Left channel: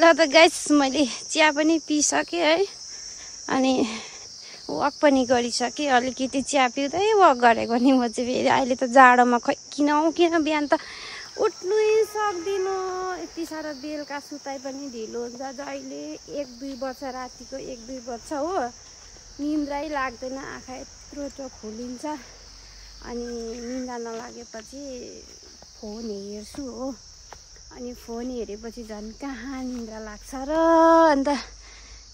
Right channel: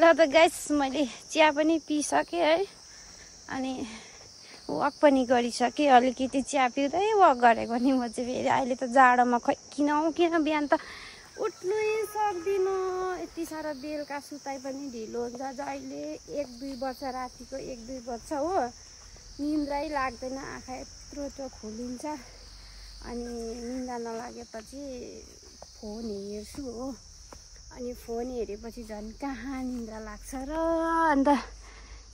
ल त गाइस मैले चिया पनि पिइसकेँ है अनि वक पनि गरिसकेँ अलिकति चिया पिउँदै वक गरेको नि म चाहिँ फेरि अहिले त जाडोमा खै किन बिहान त उठ्नै सक्दिनँ यति साह्रो बेलुका सुताइ पनि ढिलो हुन्छ जहिले 1-2 बज्छ रातिको 1-2 बज्छ हो निन्द्रै लाग्दैन आँखा यत्रो खोलिन्छ अनि निन्द्रा नलागेपछि फोन हेर्छु हो अनि फोन हेरेपछि झन् कहाँ निन्द्रा लाग्छ र अन्त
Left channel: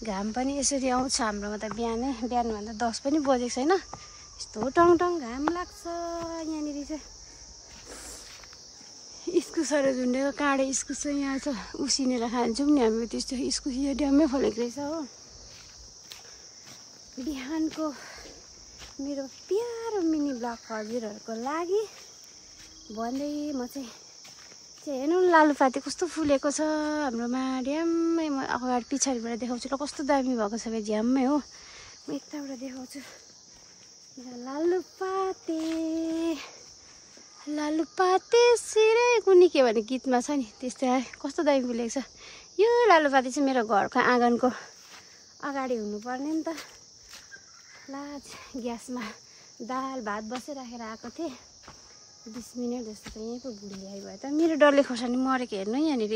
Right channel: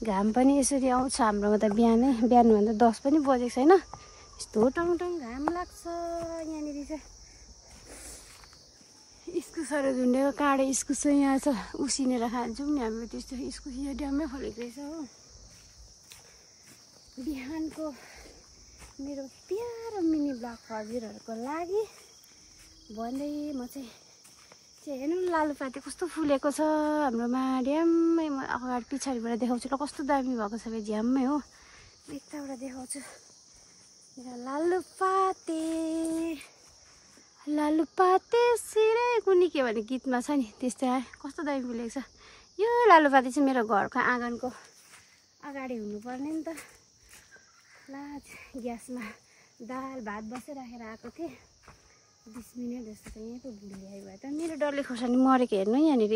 घाम पनि यसरी आउँछ हाम्रोमा त बिहानभन्दा 10 पनि बजेको छैन यस्तो टङ घाम लाग्छ यहाँनिर चाहिँ इस्कुसहरू झुन्डेको काँडे इस्कुस चाहिँ यहाँ छ उसिनेर खान्छौँ नि हामी त्यस्तो इस्कुस यो ड्याममै फलेको रहेछ हो बिहानको मेरो प्यारो मिनी ब्लग हजुरहरूको लागि भन्दै म चाहिँ हेर्नु लालुपाते कस्तो फुलेको छ हाम्रोमा ड्याममै म अगाडि पछाडिबाट देखाउँछु ल कस्तो दामी भएको छ फेरि झ्याममै हो म यताबाट देखाउँछु लालुपाते सिरै कुनी के भने गीतमा छ नि त्यस्तै कस्तो दामी फुलेको छ यो लालुपाते चाहिँ मेरो घरको आँगनको अगाडि हुनुपर्ने नि त ला ग्यासमा दाल भात बसिराखेर आएको थिएँ 20 मिनट जस्तो त यहीँ पो भुलिआइ भयो त मेरो डल्ले खोर्सानी मरेको हेर्नु यहाँनिर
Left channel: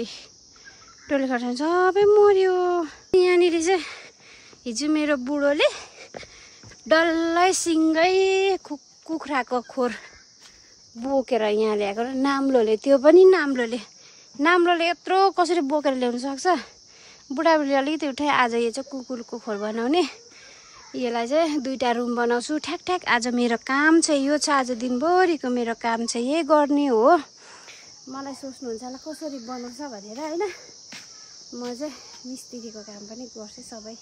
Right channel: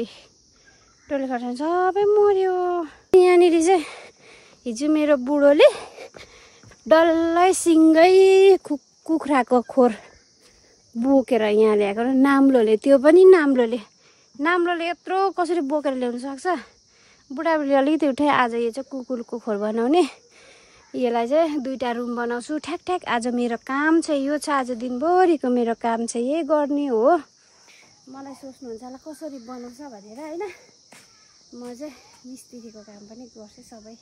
डल्ले खोर्सानी सबै मर्यो यहाँनिर चाहिँ हिजो मेरो बुढोले डल्लै सिँगै कुखुराको खोर बोकेर यहाँ ल्याएको र नाम्लोले त्यो पनि नाम्लोले यत्रो कसरी बोकेर ल्याउन सक्छ बुढाबुढीले अलिकति उठाए आज यो चाहिँ कुकुरको खोर बनाउने यसलाई चाहिँ 2टा रुम बनाउँछु ठ्याक आज मेरो काम चाहिँ यो छ आज दिनभरिको मेरो काम चाहिँ यही गर्ने हो मलाई सोच्नुहुन्छ होला कसरी बनाउँछ भनेर हैन म चाहिँ मिस्त्रीको काम पनि गर्छु सबै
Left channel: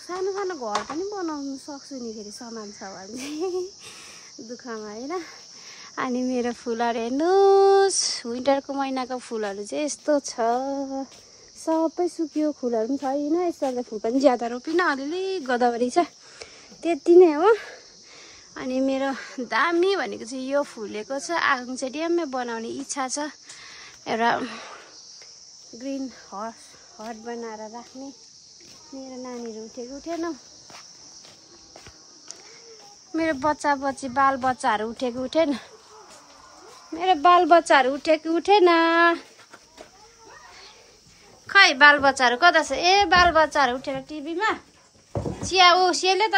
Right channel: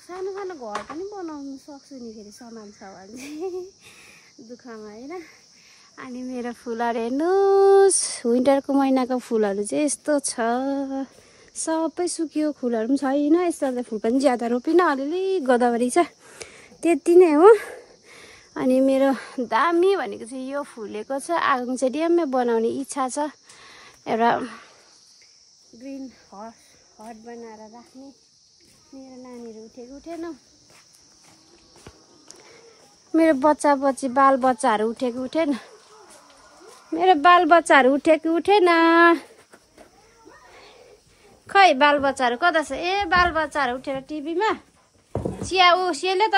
सानो घर पनि बनाउनु सक्छु नि फेरि सामान छ भने दुःखमा हैन अनि मेरो फुलहरू हेर्नुहोस् विन्टरको महिनाको फुलहरू चाहिँ यस्तो छ सबै सुक्यो फुलहरू पनि छैन यसो फुल पनि ज्यादा रोपिन अलिअलि गोदावरी छ त्यति नै हो अनि मेरो दामी भनेको चाहिँ यो फुलेको छ आगो चाहिँ ड्याममै बनाउने इच्छा छ एउटा ग्रिन हट बनाएर राख्ने मेरो नानीहरू उठेको उठेन मेरो बालबच्चाहरू उठेको उठेन मेरो बालबच्चाहरू उठेको उठेन खै बालबच्चाहरू कता छ ए बालबच्चाहरू उठेर टिभीमा चिया सेल्यो त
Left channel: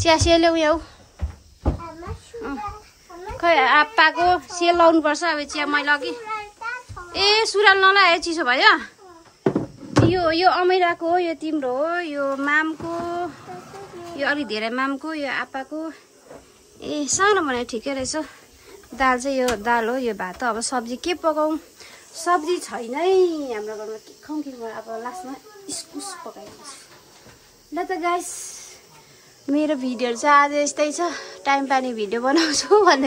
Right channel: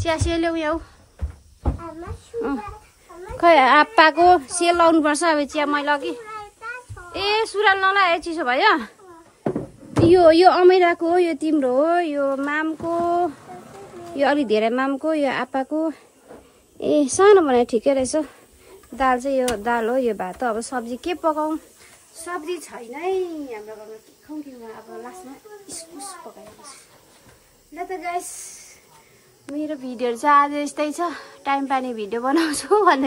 चिया सेल्यो यहाँ खै आप्पाको सेल लाउनुपर्छ अब चिया मैले अघि ए सुराल नलाए चिसो भयो यो अमिराको हो यो तिम्रो हो यो मामको यो अलि धेरै मामको यो आप्पाको ए सानो भने ठिकै रहेछ दाल चाहिँ यो दाल हो यो भात अब सब्जी के पकाउँ सब्जी छैन है हाम्रो घरमा के खाउँ कि म अब लास्टमा इस्कुस पकाइदिन्छु ल त गाइस मेरो भिडियोहरू चाहिँ आज यस्तै छ टाइम पानी भिडियो बनाउँछु भन्दै